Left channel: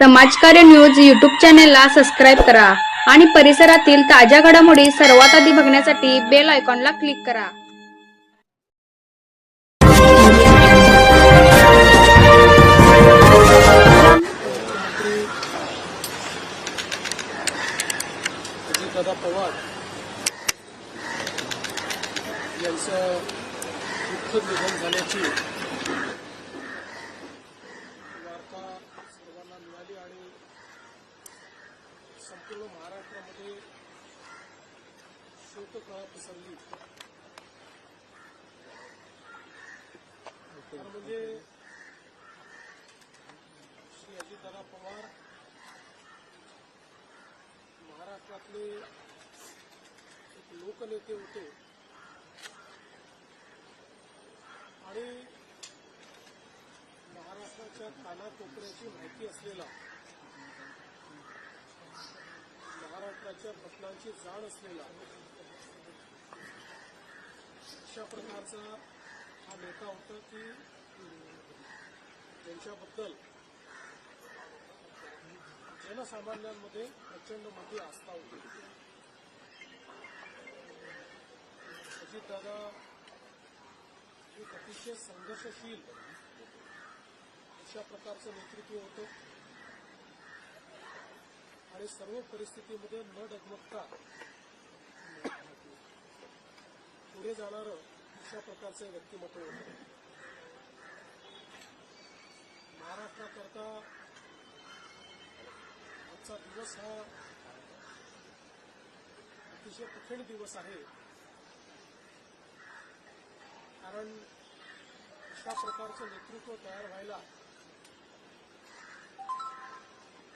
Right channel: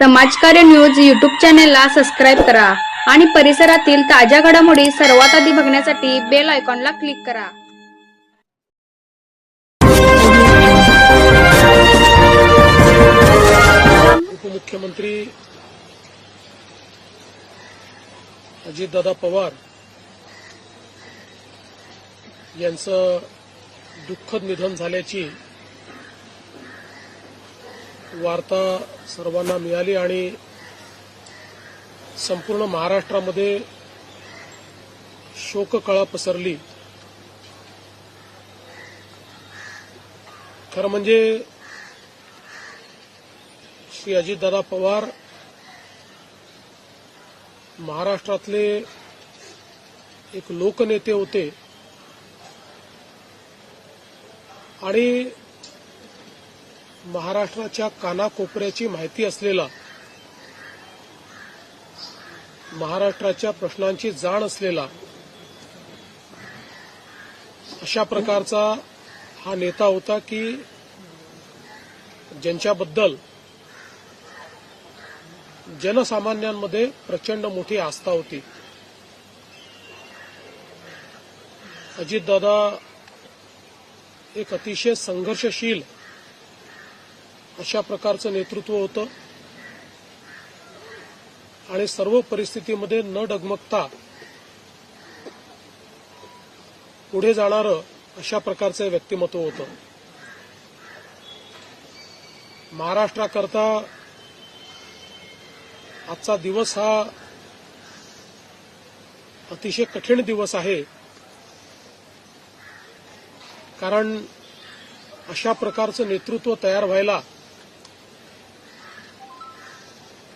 समाजकार्य news YouTube चॅनेलला subscribe करा आणि परिसरातील ताज्या घडामोडी सर्वात आधी बघण्यासाठी बेल आयकॉनला क्लिक करा। मुख्यमंत्री अजितदादा पवार यांचं दुःखद निधन झाल्याची वार्ता सर्वांना मिळाली आणि संपूर्ण महाराष्ट्रामध्ये शोककळा पसरली। खरं म्हणजे श्री अजितदादा पवार महाराष्ट्रातले एक लोकनेते होते आणि महाराष्ट्राच्या कानाकोपऱ्याची माहिती असलेला, महाराष्ट्राच्या प्रश्नांची जाण असलेला अशा प्रकारचा हा नेता होता की ज्यांच्याबद्दल जनसामान्यांमध्ये प्रचंड मोठी आस्था होती। अजितदादा एक अतिशय संघर्षशील अशा प्रकारचं नेतृत्व होतं आणि सर्व परिस्थितीमध्ये न डगमगता पुढे जाणारं अशा प्रकारचं व्यक्तिमत्व होतं। महाराष्ट्राकरता आजचा दिवस हा अतिशय कठीण दिवस आहे, कारण अशा प्रकारचं नेतृत्व तयार व्हायला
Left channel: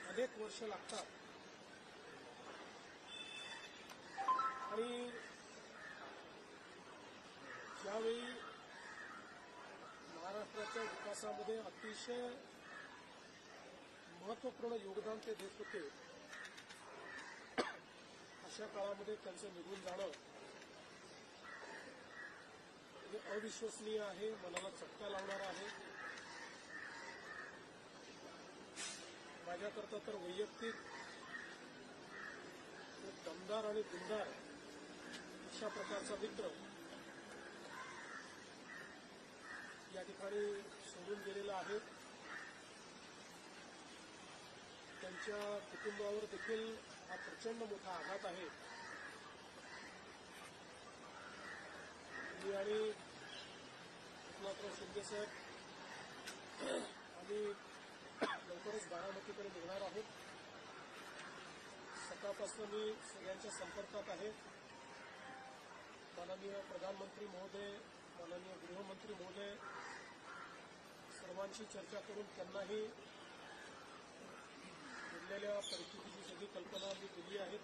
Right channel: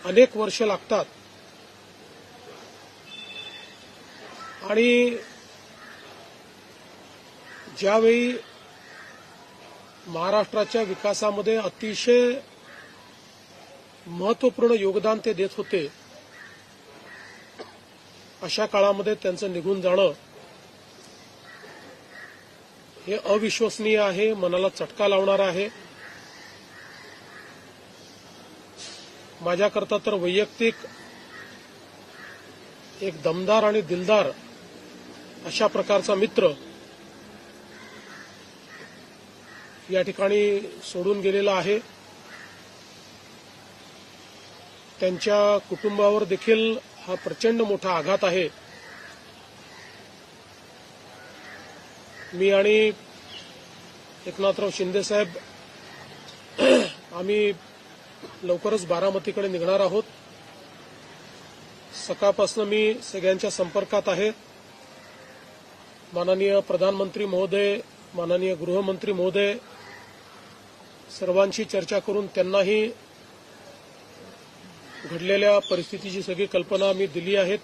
अनेक वर्ष लागतात आणि ज्यावेळी महाराष्ट्राच्या विकासामध्ये अतिशय महत्त्वपूर्ण योगदान ते देत होते, अशा काळामध्ये त्यांचं निघून जाणं हे अविश्वसनीय आहे, मनाला चटका लावणारं आहे। माझ्याकरता तर वैयक्तिक एक दमदार आणि दिलदार अशा प्रकारचा मित्र या ठिकाणी सोडून गेलेला आहे। त्यांच्या कुटुंबावर देखील हा प्रचंड मोठा आघात आहे। मी आणि एकनाथराव शिंदे साहेब आम्ही लवकरच बारामतीकडे निघणार आहोत। सकाळपासून मी सगळ्यांच्या संपर्कात आहे। माननीय प्रधानमंत्री महोदय, माननीय गृहमंत्री महोदय सर्वांशी चर्चा करून त्यांनाही घडलेल्या परिस्थितीची सगळी कल्पना मी दिली आहे।